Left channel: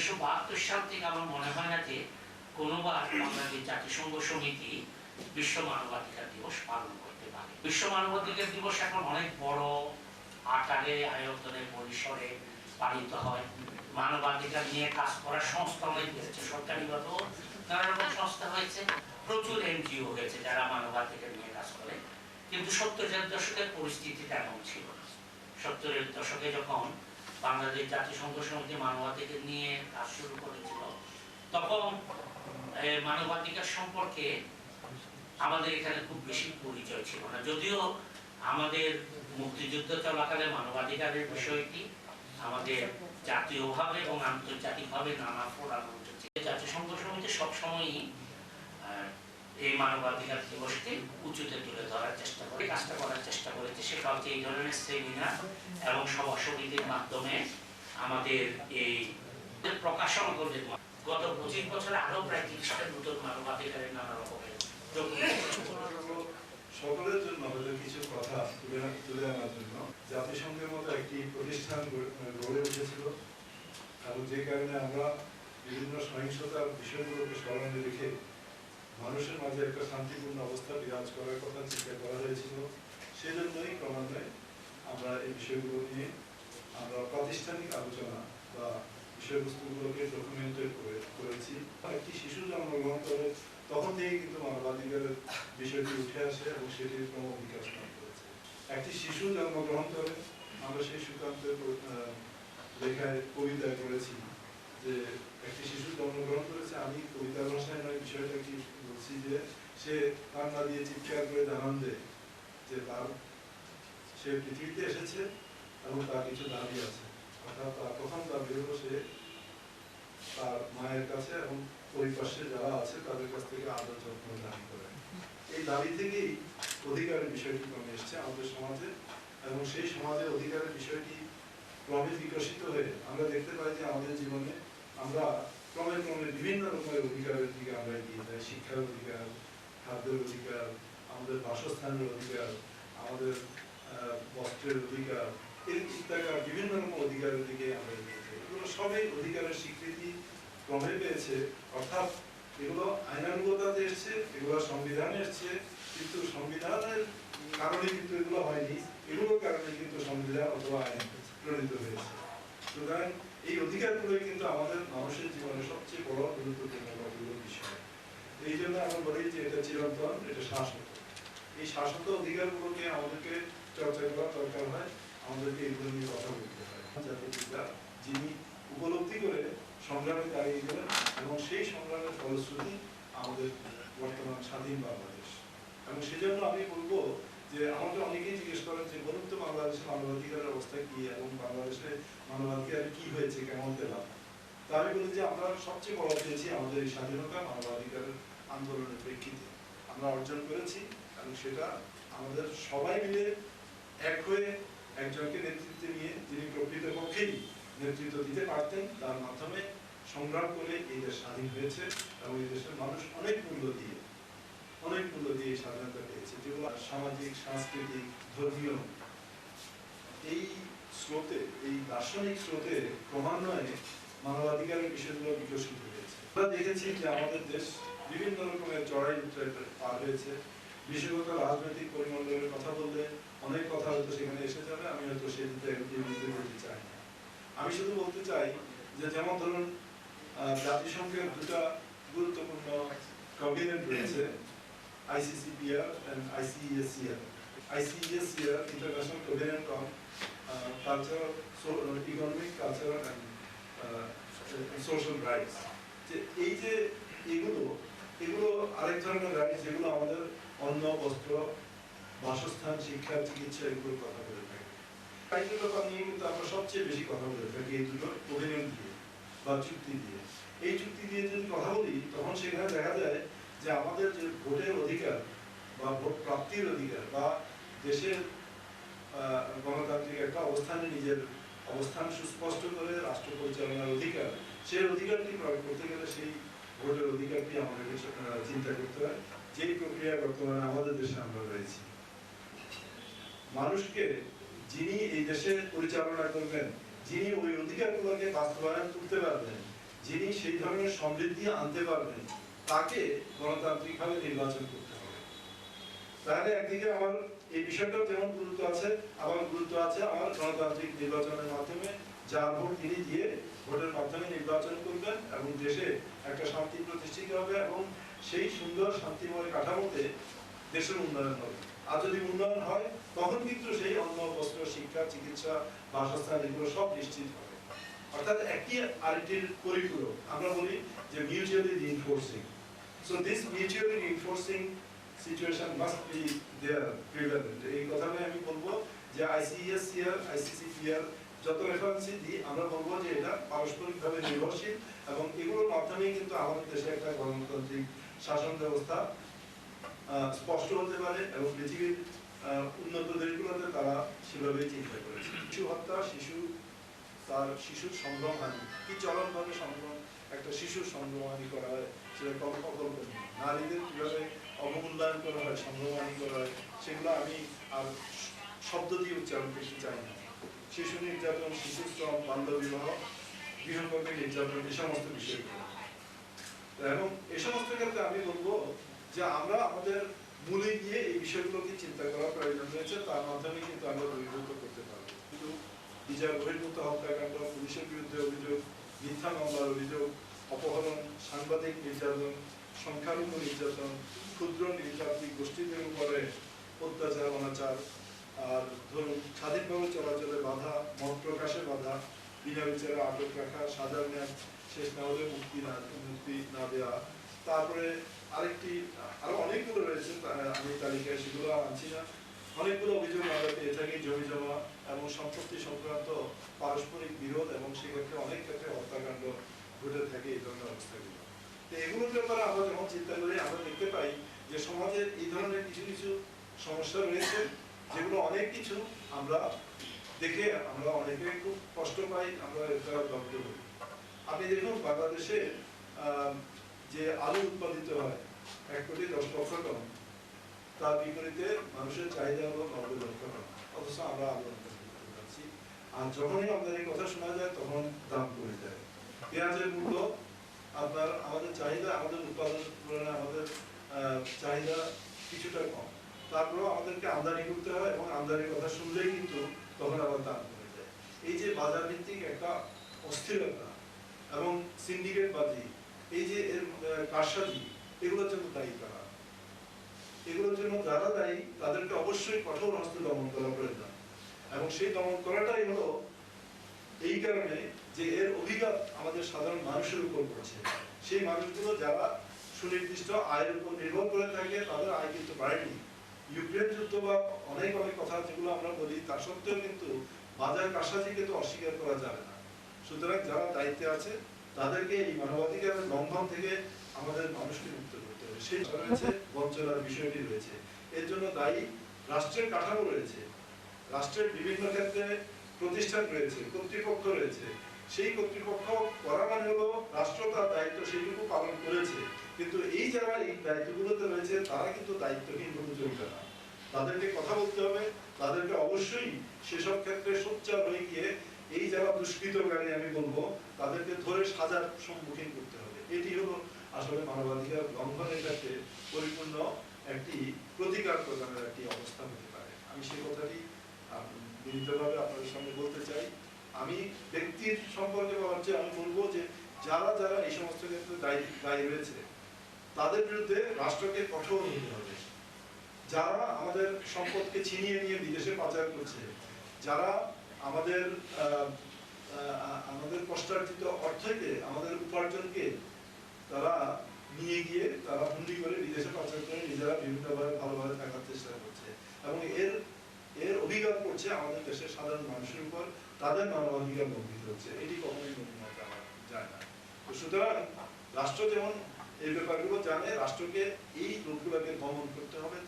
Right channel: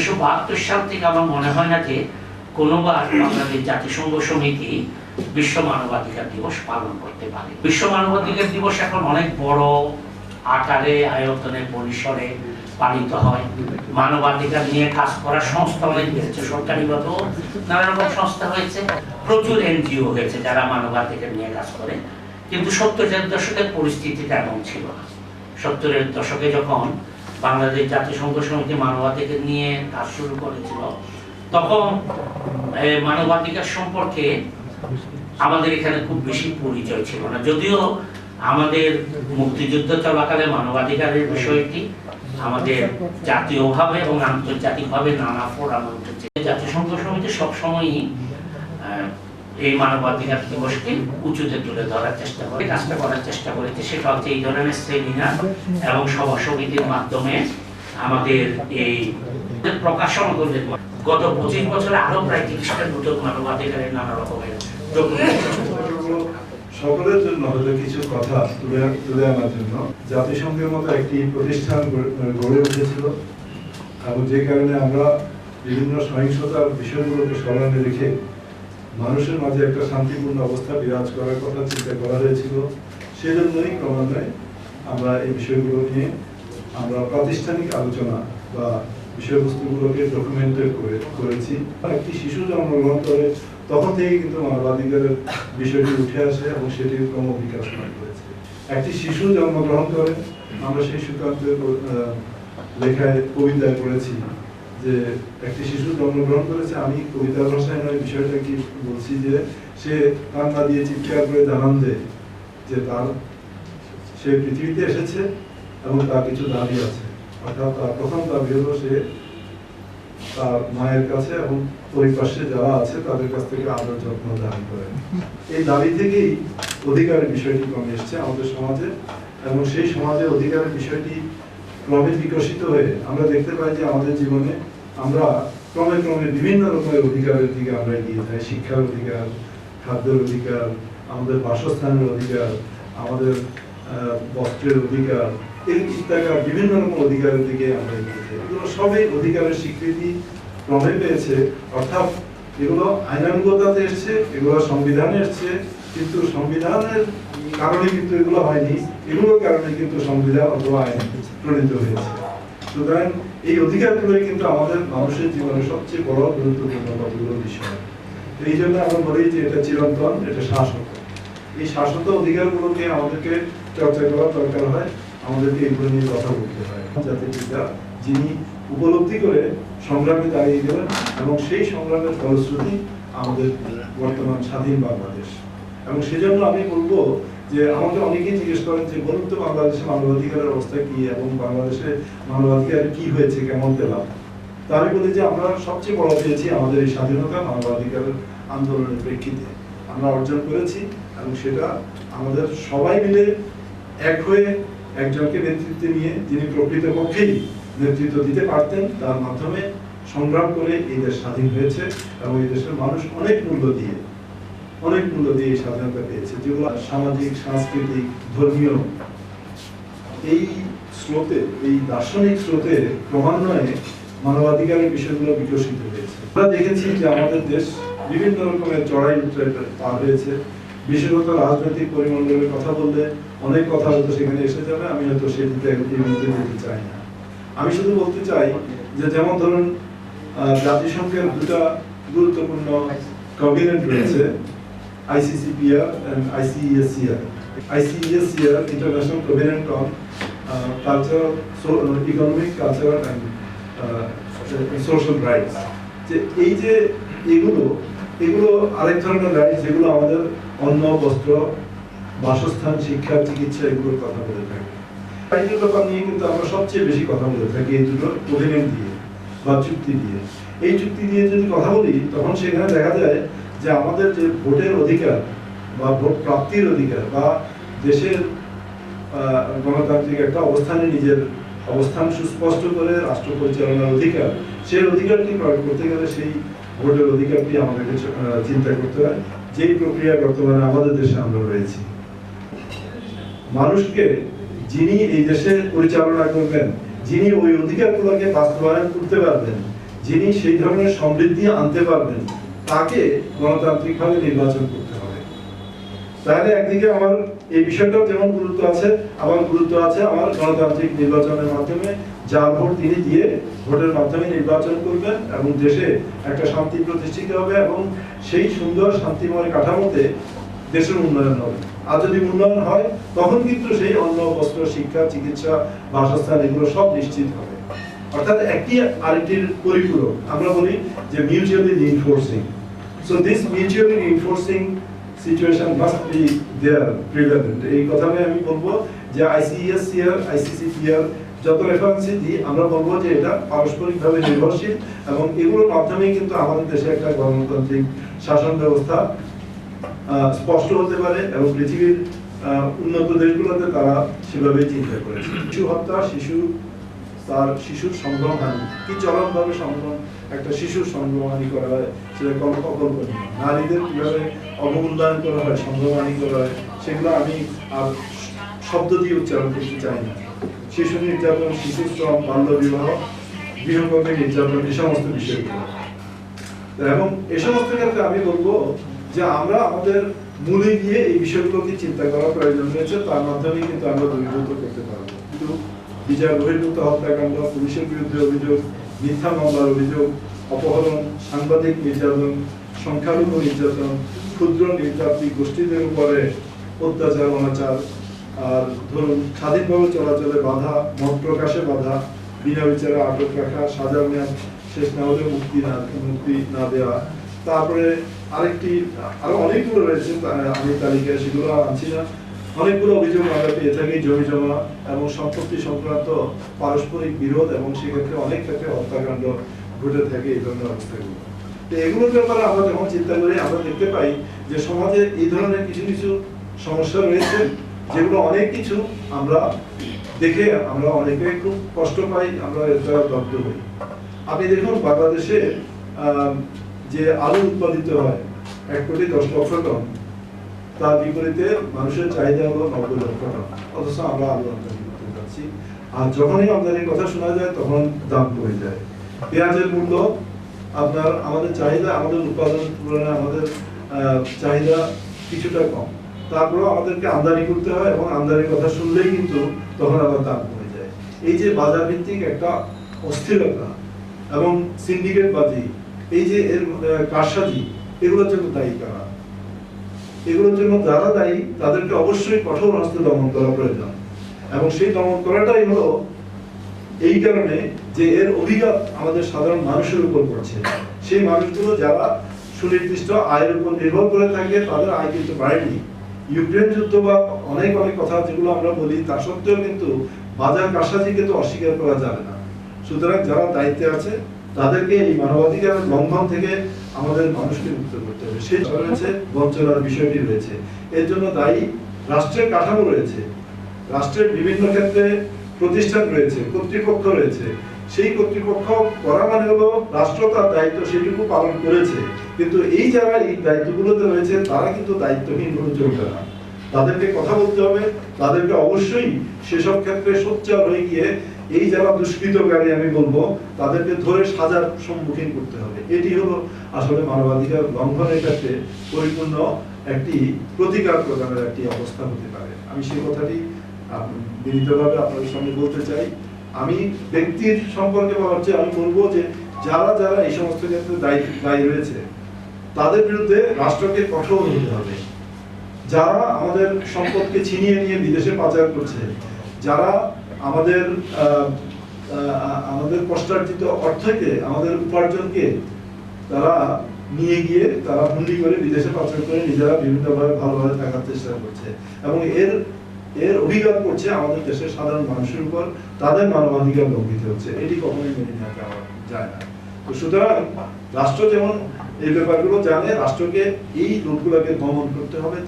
1972 সাল থেকে আমার মনে হয় না যে কোনোবার বাংলাদেশ জাতিসংঘ সমিতি বিশ্ব মানবাধিকার দিবস পালন করতে পারে। বিশ্ব মানবাধিকার দিবস এখন অনেক বড় আকারে, আয়তনে, পরিসরে পালিত হয়। মানবাধিকার নিয়ে কাজ করার সংস্থা অনেক বেড়েছে, সরকারিভাবেও নানা রকম সংস্থা হয়েছে, প্রচুর এনজিও হয়েছে যারা মানবাধিকার নিয়ে কাজ করে। কিন্তু 70-এর দশকের পরিস্থিতিটা এমন ছিল না। 70-এর দশকে যখন বাংলাদেশ জাতিসংঘ সমিতি মানবাধিকার নিয়ে কাজ শুরু করেছিল, তখন মানবাধিকার সম্পর্কে আমাদের এখানে খুব বেশি পরিচয় ছিল না। যদিও আমাদের মুক্তিযুদ্ধ চলাকালে মানবাধিকারের বিষয়টি আমাদের জাতীয়ভাবে এবং আন্তর্জাতিকভাবে নানা ফোরাম উঠেছে। জাতিসংঘ সমিতি সবসময়ই এই মানবাধিকার দিবসকে উঁচুতে তুলে ধরার চেষ্টা করে, কাজটা করার চেষ্টা করেছে। সেটা হচ্ছে এই ধরনের সেমিনার এবং সভা সমিতির মাধ্যমে আমাদের এই প্রকাশনা করতে। গত 25 বছরে আরো প্রায় 30টা নতুন মানবাধিকারের নানা রকমের সকলের জন্য হয়তো কিছু কথা তুলে আনার জন্য জাতিসংঘের মতো একটি প্রতিষ্ঠান গড়ে উঠেছিল, এবং যে কারণে আমরা বিভিন্ন সহিংসতার বিষয়গুলোকে স্মরণে রেখে মানুষের মাঝে একটা শান্তিপূর্ণ অবস্থা বিরাজ করার কথা চিন্তা করা হয়েছিল। সেজন্যই ক্রমান্বয়ে আমরা এই বিষয়গুলো নিয়ে আমরা প্রাতিষ্ঠানিক আলোচনা বা বিষয়বস্তুগুলোকে ডকুমেন্টেড করেছি। একটি শিশু জন্মগ্রহণ করে তখন থেকেই কিন্তু মানবাধিকারের বিষয়টি উঠে আসে এবং সেটি ক্রমবিকাশ করেছে। একটি শিশু জন্মগ্রহণ করে, আমরা সেই সুকান্তের লেখায় কবিতায় করেছি যে একটি শিশু জন্মগ্রহণ করেছে। আমি কবিতার ভাষায় নয় বিষয়টা কি বলছি যে সে কান্না দিয়ে চিৎকার করে জানান দেয় যে সে পৃথিবীতে এসেছে এবং তার কিছু দাবি আছে। অর্থাৎ তার প্রথম দাবি হলো সে তার মায়ের কাছে এবং পরিপার্শ্বে যারা আছে তাদের কাছ থেকে আদর যত্ন দাবি করে। এই দাবি থেকেই অধিকারের বিষয়টি কমে এসছে আমাদের সমাজে, এবং সেই সমাজে অধিকারের বিষয়টি ক্রমে বিকশিত হয়ে আমরা দেখতে পাই যে আমাদের জীবনে আমরা ক্রমে ক্রমে বিভিন্ন রকমের অধিকারের দিকে আমরা এগিয়ে যাই। শিক্ষার অধিকার, খাদ্যের অধিকার, আমাদের বাসস্থানের অধিকার, আমাদের বস্ত্রের অধিকার, এই ইত্যাদি বিভিন্ন রকম অধিকারের দিকে আমরা এগিয়ে যাই। এগুলো সবই অধিকারের স্বীকৃতি ক্রমে পেয়েছে। অর্থাৎ এগুলো আইনানুগতাতে এসছে, এগুলো সংবিধানে এসছে, কিন্তু সংবিধানের কারণে কিন্তু এগুলো হয়নি, এগুলোর কারণে কিন্তু সংবিধান অথবা আইন প্রণীত হয়েছে। সুতরাং এই অধিকারগুলোই কিন্তু আমাদের মানুষের জীবনে সবচেয়ে বড় গুরুত্বপূর্ণ কতগুলো বিষয়। এই জন্য আমরা বলি যে এটা চিরন্তন, এটা শাশ্বত। এই শাশ্বত অধিকারগুলোকে আমাদেরকে চর্চা করার দরকার হয়, আমাদেরকে এইগুলো নিয়ে কথা বলতে হয়। জাতিপিতা যিনি উপলব্ধি করে সংগ্রামে দাঁড়িয়ে গেলেন, এবং সেই সংগ্রামের ফলশ্রুতি আমাদের বর্তমান স্বাধীন বাংলাদেশ। এবং সেজন্য আমি বলবো যে আমাকে অনেকেই জিজ্ঞেস করেন যে বলুন তো বাংলাদেশে মানবাধিকারের অবস্থা কি এবং বাংলাদেশে মানবাধিকার কি হয়েছে, কেমন পেলাম। তা আমি বলি যে আমরা সবচেয়ে বড় পেয়েছি আমাদের এই স্বাধীনতা মানবাধিকারের আন্দোলনের প্রেক্ষিতে আমরা অর্জন করেছি, এবং সেটা আমাদের সবাই মিলে এক হয়ে একজনকে নেতৃত্বে নিয়ে, যিনি প্রকৃতপক্ষেই নেতৃত্ব দিতে পারতেন, তার মাধ্যমে সংগ্রাম করে এই দেশ স্বাধীন হয়েছে। এবং এই দেশের মানুষ অনেক মূল্য দিয়ে এই স্বাধীনতা পেয়েছে, যেগুলো সামাজিক, সাংস্কৃতিক, ধর্মীয় এই স্রোতে, এই দার্শনিক স্রোতে ক্রমান্বয়ে মানবাধিকারের বিষয়গুলো বিকশিত হয়েছে। আমরা দেখেছি যে আমাদের দেশ বিভিন্ন রকমের চড়াই উতরাই পার হয়েছে। বিশেষত রাজনৈতিক পরিমণ্ডলের কথা বললে অনেক কথা হয়তো সেখানে এসে যাবে, আমি হয়তো সেটিতে যেতে চাই না। আমি শুধু বলতে চাই যে যেমন ধরুন জাতিসংঘের দুটা গুরুত্বপূর্ণ কমিউনিট রয়েছে, ICCPR and ICESCR. ICESCR, International Covenant on Cultural, Economic, Cultural and Social Rights. এই যে এগুলো আরেক ধরনের রাইটস, যেগুলো আমাদের অন্ন, বস্ত্র, বাসস্থান, শিক্ষা, চিকিৎসা এগুলোর কথা বলে থাকি। রাইটের ব্যাপার নিয়ে কিন্তু আমরা সবচেয়ে বেশি কথা বলে থাকি এই দুটো কোভেনেন্ট দিয়ে বা চুক্তি দিয়ে। এই চুক্তি দিয়ে যদি কথা বলি তখন সেখানে দেখা যায় যে আমাদের যে ভোটের অধিকার বা ভোট প্রাপ্তির অধিকার বা দেশের গণতান্ত্রিক একটা অবস্থানে নিজের অবস্থান সুস্পষ্ট করে রাষ্ট্র পরিচালনার অধিকার, সেই অধিকারটি প্রয়োগ করতে গেলে সেই ভোটের অধিকারটি আমাদেরকে চিন্তা করতে হয়, যেই প্রক্রিয়া বর্তমানে আমাদের দেশে আমরা রয়েছি। মানুষকে যিনি এই দেশে পরিচালনা করবেন, যিনি ওই অধিকারগুলোকে বাস্তবায়ন করতে পারবেন, যিনি সেই ধরনের সমৃদ্ধি আনতে পারবেন তাকে গণতান্ত্রিকভাবে নির্বাচন করতে হবে। তাহলে একদিকে আমার এই বিষয়টাও যেমন গুরুত্ব আছে, আবার গুরুত্ব আছে আমার গণতান্ত্রিক নির্বাচনের মাধ্যমে যার ভোট তিনি দিয়ে ভোটের মাধ্যমে নির্বাচন করবেন এবং দেশে একটা শান্তি প্রতিষ্ঠিত হবে এবং সেই সুন্দর শান্তিময় কাঠামোতে দেশের উন্নয়ন হবে। আর যদি উন্নয়ন হয় তখন কিন্তু সেই অন্ন, বস্ত্র, শিক্ষা, চিকিৎসা, বাসস্থান এগুলো সব নিশ্চিত হবে। অর্থাৎ একটি আরেকটির পরিপূরক। আমরা বলি যে mutually reinforcing. So this mutually reinforcing situation must be there prevalent. এই কথাটা আমি বলবো যে ICSCR, ICCPR যত রেফারেন্সই দিই আমরা বলবো যে এটা পারস্পরিকভাবে নির্ভরশীল এবং এগুলোর মাধ্যমে কিন্তু আমাদের দেশে একটা গণতান্ত্রিক শাসন ব্যবস্থা স্পষ্ট হতে পারে এবং পৃথিবীর উন্নত দেশগুলোতে তারা সেভাবেই চিন্তা করেছে। শিশু হত্যা, তার শিশুর সংগ্রহহানি, কি চরমভাবে সংগ্রহ একটা শিশুর সংগ্রহহানি করা হয় সেটা অকল্পনীয়। নারীদের কিভাবে অবমূল্যায়ন করা হয়, সংগ্রহহানি করা হয়, সেগুলো আমি আর শব্দ দিয়ে উচ্চারণ করতে চাই না। শিশু নির্যাতন, শিশু শ্রম, বাল্য বিবাহ, গৃহকর্মী নির্যাতন, এই সমস্ত বিষয়গুলো। এবং এই সমস্ত ক্ষেত্রে আমি বলবো যে আমরা আমাদের মূলে গিয়ে এই বিষয়গুলোকে চিন্তা করার প্রয়োজন রয়েছে, তার মাধ্যমে কিন্তু আমরা দূরীভূত করতে পারবো। কিন্তু বিচার বহির্ভূত হত্যাকাণ্ড, পুলিশের বিরুদ্ধে অভিযোগ, মিথ্যা মামলার অভিযোগ, অপহরণ, সাংবাদিক নির্যাতন, সংখ্যালঘু নির্যাতন, ক্ষুদ্র নৃতাত্ত্বিক গোষ্ঠীদের উপরে অত্যাচার, অনাচার, আর ধরুন স্বাধীনভাবে চলাচলে বাধা, মত প্রকাশে বাধা, বিনা বিচারে আটক রাখা, সাজার মেয়াদ শেষ না হলে মুক্তি না দেওয়া। তারপরে আরো অনেকগুলো রয়েছে, আমি তালিকায় সেগুলো আনছি না। অনেকগুলো অভিযোগ আমরা পেয়ে থাকি জমি জমা এবং সম্পত্তি সংক্রান্ত পারস্পরিক বিরোধ এবং সেক্ষেত্রে অনেক ক্ষেত্রে হত্যাকাণ্ড ঘটে থাকে এই ধরনের অবস্থাগুলো। তো এগুলোর ব্যাপারে আমরা যখন চিন্তা করি আমরা দেখতে পাই যে সমাজে এই ধরনের কিছু কিছু সমস্যা রয়েছে যেগুলো অনেক কিছু আমরা দেখে আমরা অনেকে খুব কষ্ট পাই, আমরা এর দ্বারা দগ্ধ হই। আপনি দেখুন বাংলাদেশে যে আলু উৎপাদিত হয় 1,10,00,000 টন, তার বিপরীতে মানুষের চাহিদা হলো 90 লক্ষ টন, অথচ আমরা আলু আমদানি করতে পারছি। আর যখনই আমদানির কথা শোনা যায় তখন দাম কমে যায়। পেঁয়াজের মূল্য আপনার আমাদের চাহিদা, আমাদের উৎপাদন তুলনায় আমাদের চাহিদা কিছুটা কম, তারপরেও আমাদেরকে আমদানি করতে হয় এবং আমদানির কথা শুনলেই কিন্তু তখন আবার দাম কমে যায়। এই যে বাজার ভিত্তিক একটা অস্থিরতা এবং সিন্ডিকেট বাজি, এই যে এর কারসাজি, এগুলোর জন্য দায়ী কারা? এগুলোর জন্য যারা দায়ী তাদেরকে অবশ্যই কঠোর হস্তে দমন করা প্রয়োজন এবং সেই দমন করাটাই হলো এই কারণে যে এর অভিঘাত আমাদের সাধারণ মানুষের উপর পড়ছে। সেই মানুষগুলো যারা সুনির্দিষ্ট আয়ের উপর নির্ভর করে থাকে তাদের আয় কিন্তু বাড়েনি। ইউক্রেন যুদ্ধ বা অনেক অনেক কথা যেগুলো আমরা বলি তা সত্ত্বেও কিন্তু বাজার কারসাজিকে তো অস্বীকার করা যাবে না। সুতরাং যারা দায়িত্বে আছে তাদেরকে এই মানবাধিকারের লঙ্ঘন থেকে আমাদের মানুষকে মুক্ত করতে হবে। সেই রয়েছে বঞ্চনার বিষয়টি রয়েছে, এর জন্য দায়ী রাষ্ট্রের কাঠামো রয়েছে, রাষ্ট্রের বিভিন্ন ক্ষেত্রে প্রতিষ্ঠান রয়েছে, কর্তৃপক্ষ রয়েছে। সেই কর্তৃপক্ষ করা মানে হলো রাষ্ট্র তার দায়িত্ব সেটুকু পালন করেছে, কিন্তু এই যারা এই দায়িত্বগুলোতে রয়েছে তারা কিন্তু দায়িত্বহীন ভাবে চলবে না। তাদেরকে কথা বলতে হবে, তাদেরকে অবশ্যই সেসব ক্ষেত্রে সোচ্চার হয়ে গিয়ে এই যারা দুষ্কৃতকারী আমি বলবো তাদেরকে ধরে সাজার সম্মুখীন করতে হবে। এটি হলো আসলে মানবাধিকার লঙ্ঘনের ক্ষেত্রে পরিপূর্ণ একটি প্রতিকার প্রদানের একটি অবস্থা হতে পারে। আমি সেই কথাটি বিনীতভাবে আপনাদের সামনে বলতে চাই। আমি ব্যক্তির সম্পর্কে বলার চেয়ে আমি বলবো যে যারা যারা এই সমস্ত ক্ষেত্রে দায়ী রয়েছে তাদের বিরুদ্ধে রাষ্ট্রকে কঠোর হতে হবে। যারা আমাদের সম্পদকে ছিনিয়ে নিয়ে বিদেশে পাচার করছে, যারা আমাদের কষ্টার্জিত অর্থকে, আমাদের উপার্জনকে তারা নিয়ে গিয়ে তারা হুন্ডি করে বিদেশে পাচার করে নিজেরা বিভিন্নভাবে ভালোভাবে থাকার চেষ্টা করছে এবং এর অভিঘাত করছে আমাদের দেশের সাধারণ মানুষের উপর, তাদের মানবাধিকার লঙ্ঘিত হচ্ছে। এটি কখনোই মেনে নেওয়া যায় না। তো সুতরাং রাষ্ট্র যেমন এই ব্যাপারগুলো জানে, রাষ্ট্রকে এই লোকগুলোকে দমন করতে হবে,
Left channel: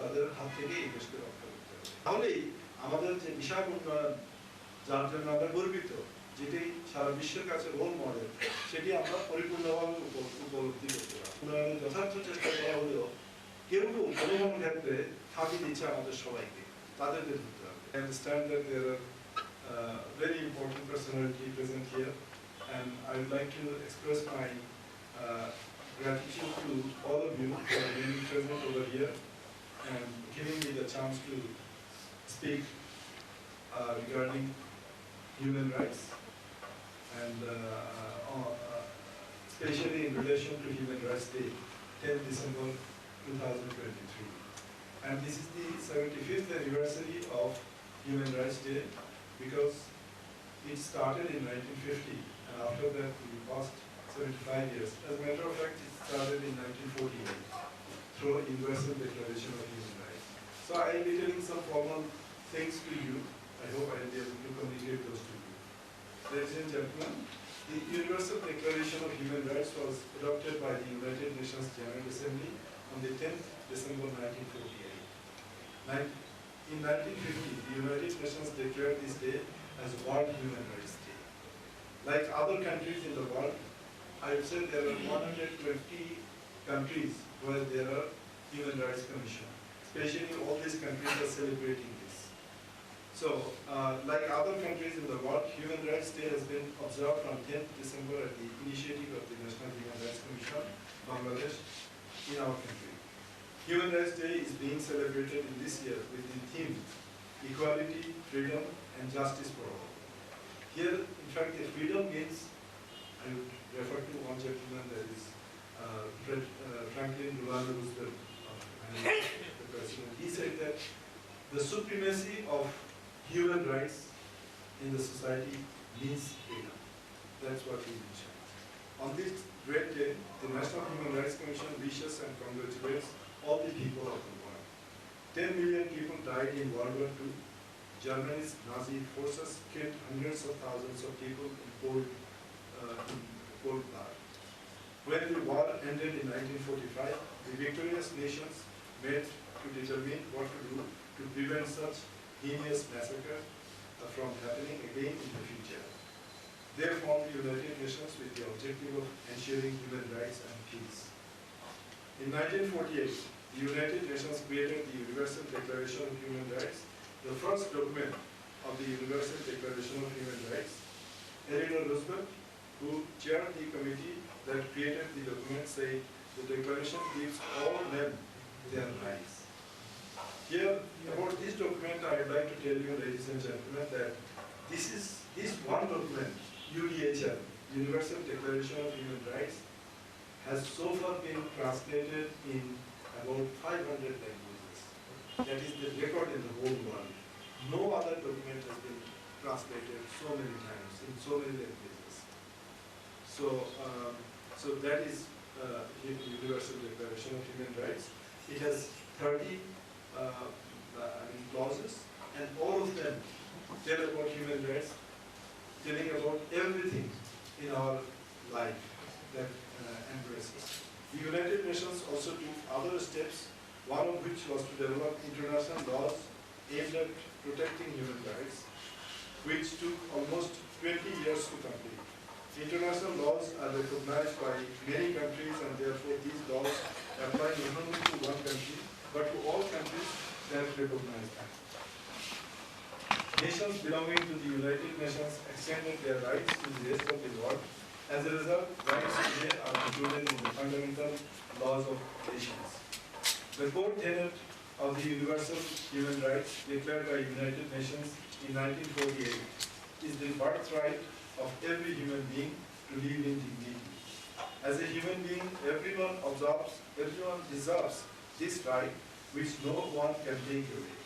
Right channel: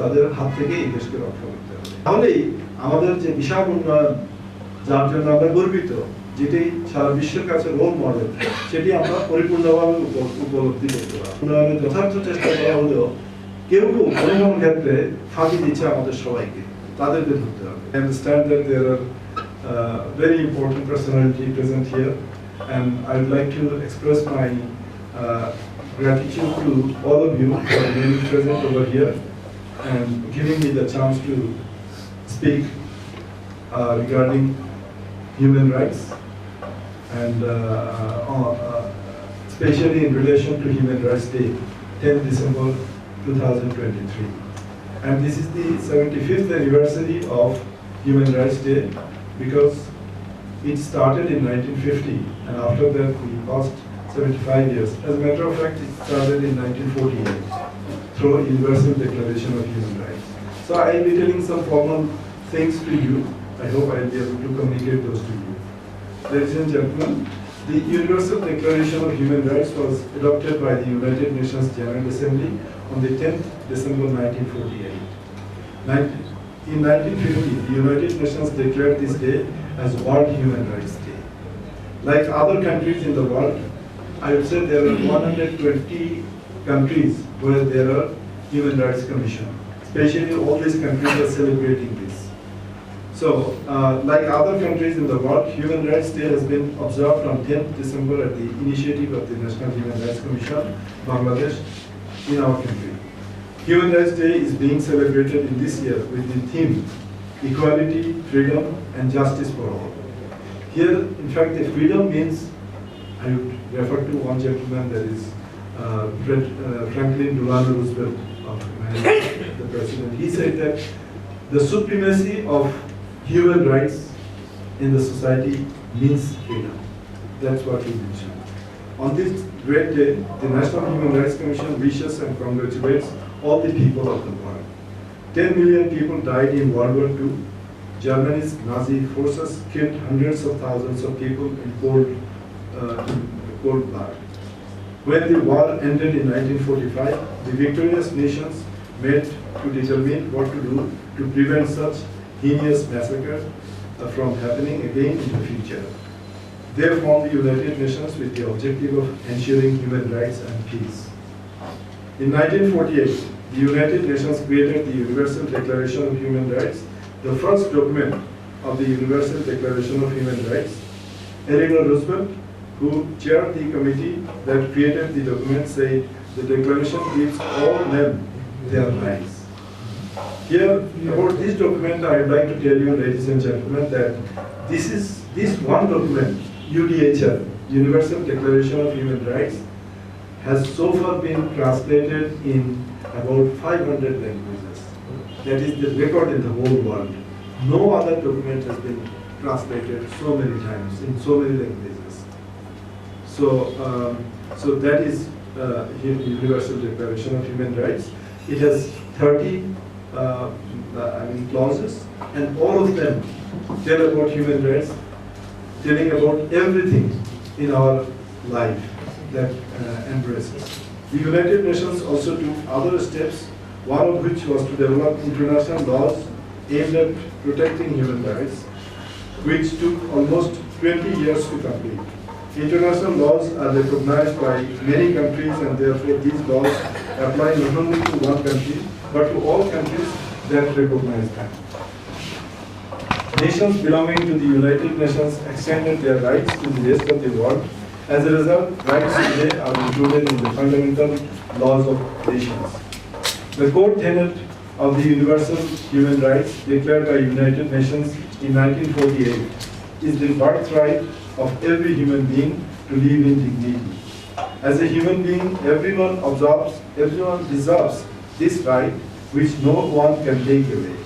তাদের হাত থেকে এই দেশকে রক্ষা করতে হবে। তাহলেই আমাদের যে বিশাল উন্নয়ন যার জন্য আমরা গর্বিত, যেটি সারা বিশ্বের কাছে রোল মডেল, সেটি আমরা পরিপূর্ণভাবে উপলব্ধি করতে পারব। উন্নয়নের যথার্থ চেষ্টা করা হলেও কেউ কেউ কোনো ক্ষেত্রে ফাঁকি দিচ্ছে আমাদের সবাইকে, তাদেরকে ধরতে হবে। I understand that there are very important personality present here And I would like to express my gratitude to all of you for being present over here and giving me the chance to speak regarding human rights, and especially in relation to Human Rights Day, 10th December 2023. And this is the 75th anniversary of Human Rights Day, because it started in 1950, and after that we passed 75 years. As a matter of fact, it started in 1948 through Universal Declaration of Human Rights. So I will be telling some formal things to you. I hope I will be able to communicate those to you. Ladies and gentlemen, the Universal Declaration of Human Rights was adopted by the United Nations General Assembly on the 10th December 1948. In 1950, the United Nations declared this day as World Human Rights Day. Like other countries in the world, I would say there are 120 countries where there are Human Rights Commission. Especially all these countries are celebrating this. So, like other countries in the world, Human Rights Day has been observed on 10th December at the initiative of the National Human Rights Commission, Bangladesh, in our country. Human Rights Day is being celebrated in this year with the theme, Equality, Freedom, and Justice for All. Here, in fact, the freedom means, I would refer to one gentleman, that is Franklin Delano Roosevelt of America, the president. He said that the supremacy of human rights in the society means freedom. That's what he mentioned. On this great day, the National Human Rights Commission wishes and congratulates all the people of the world. 10 million people died in World War II. Germany's Nazi forces killed hundreds of thousands of people in cold blood. When the war ended in 1945, the victorious nations met to determine what to do to prevent such heinous massacre from happening again in the future. They formed the United Nations with the objective of ensuring human rights and peace. In 1948, the United Nations created the Universal Declaration of Human Rights, the first document of the Universal Declaration of Human Rights. Eleanor Roosevelt, who chaired the committee that created the document, said the declaration gives all men their rights. Here, about this document, I would like to tell you, ladies and gentlemen, that this one document, UDHR, Universal Declaration of Human Rights, has so far been translated in about 500 languages. That is the record in the whole world. No other document has been translated so many times in so many languages. So, so that is Universal Declaration of Human Rights. It has 30 clauses, and all of them tell about human rights, telling about everything in our life that embraces. The United Nations also took other steps, one of which was to develop international laws aimed at protecting human rights, which took almost 20 years to complete. International laws are recognized by many countries, and therefore these laws apply not only to one country, but to all countries that recognize them. Nations belonging to the United Nations extended their rights to the rest of the world. As a result, rights today are included in the fundamental laws of nations. The core tenet of the Universal Human Rights declared by United Nations in 1948 is the birthright of every human being to live in dignity. As a human being, everyone deserves this right, which no one can take away.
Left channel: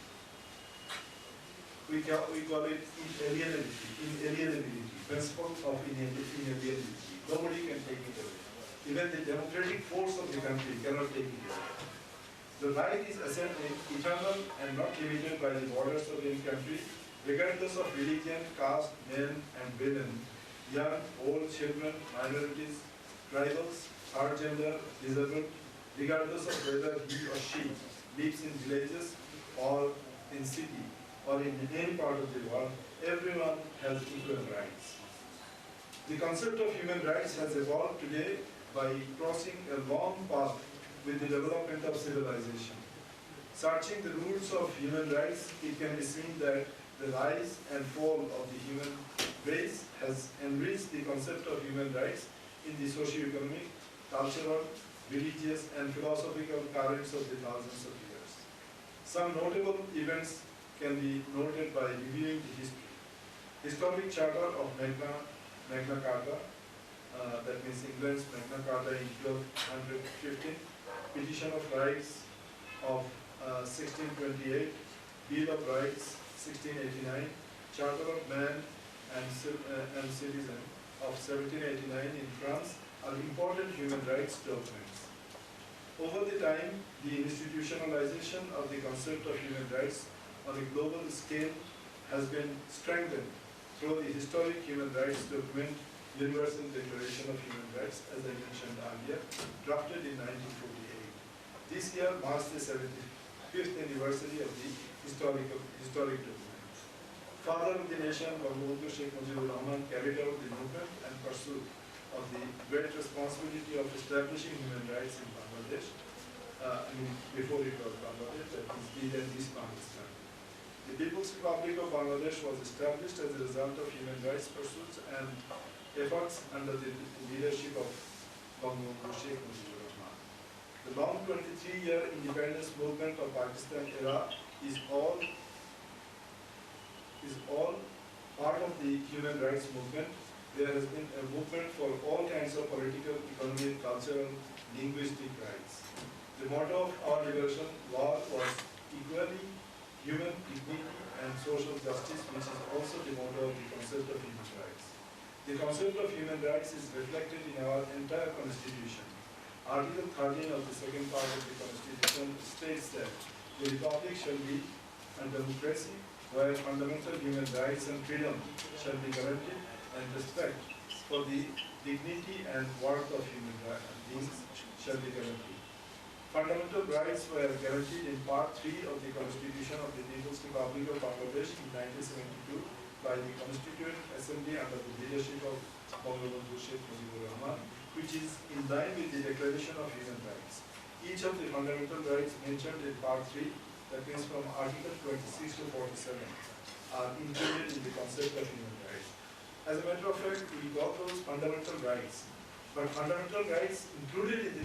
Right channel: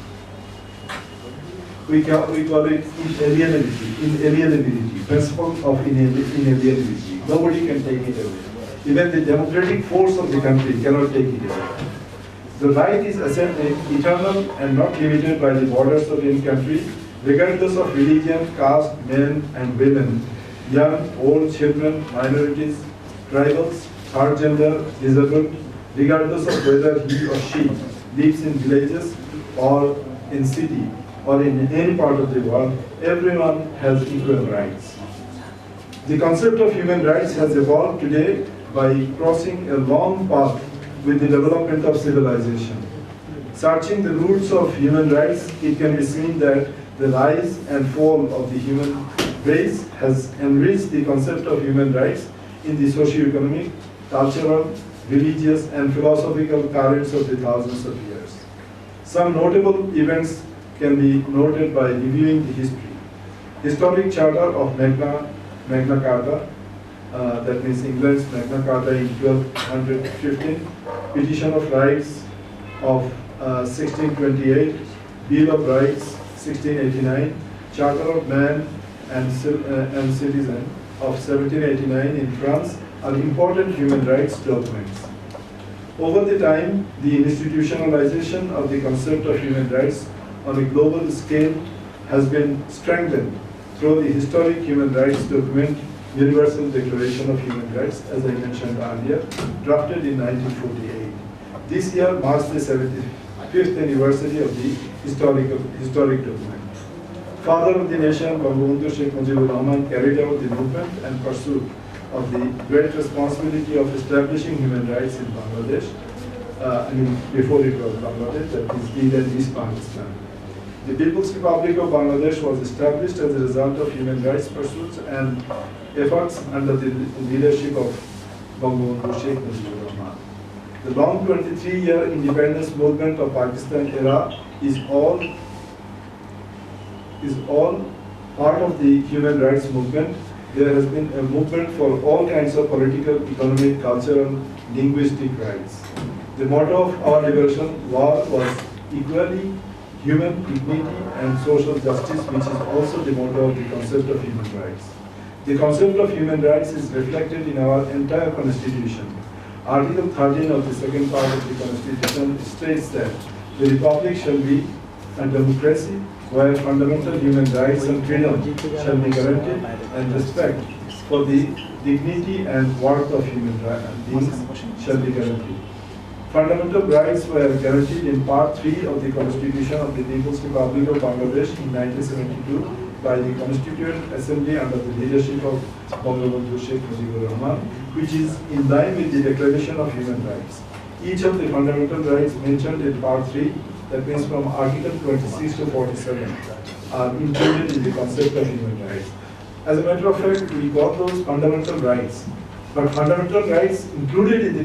We call it inalienability, principle of inalienability. Nobody can take it away. Even the democratic force of the country cannot take it away. The right is eternal and not limited by the borders of any country, regardless of religion, caste, men and women, young, old, children, minorities, tribals, third gender, disabled, regardless of whether he or she lives in villages or in city or in any part of the world, everyone has equal rights. The concept of human rights has evolved today by crossing a long path with the development of civilization. Searching the roots of human rights, it can be seen that the rise and fall of the human race has enriched the concept of human rights in the socio-economic, cultural, religious, and philosophical currents of the thousands of years. Some notable events can be noted by reviewing the history. Historic Charter of Magna Carta, that means England's Magna Carta in 1215, Petition of Rights of 1628, Bill of Rights 1689, Charter of Man and Citizen of 1789 in France are important human rights documents. Over the time, the institutionalization of the concept of human rights on a global scale has been strengthened through the historic human rights document, Universal Declaration of Human Rights, as I mentioned earlier, drafted in 1948. This year marks the 75th anniversary of the historic document. Father of the nation, Bangabandhu Sheikh Mojibur Rahman carried out the movement and pursuit of the great responsibility of establishing human rights in Bangladesh. Before it was Bangladesh, that is East Pakistan. The People's Republic of Bangladesh was established as a result of human rights pursuits and efforts under the leadership of Bangabandhu Sheikh Mojibur Rahman. The long 23-year independence movement of Pakistan era is all part of the human rights movement. There has been a movement for all kinds of political, economic, cultural, linguistic rights. The motto of our liberation war was equality, human dignity, and social justice, which is also the motto of the concept of human rights. The concept of human rights is reflected in our entire constitution. Article 13 of the second part of the constitution states that the republic shall be a democracy where fundamental human rights and freedom shall be guaranteed and respect for the dignity and worth of human beings shall be guaranteed. Fundamental rights were guaranteed in Part 3 of the Constitution of the People's Republic of Bangladesh in 1972 by the Constituent Assembly under the leadership of Bangabandhu Sheikh Mojibur Rahman, which is in line with the Declaration of Human Rights. Each of the fundamental rights mentioned in Part 3, that means from Article 26 to 47, are included in the concept of human rights. As a matter of fact, we got those fundamental rights, but fundamental rights included in the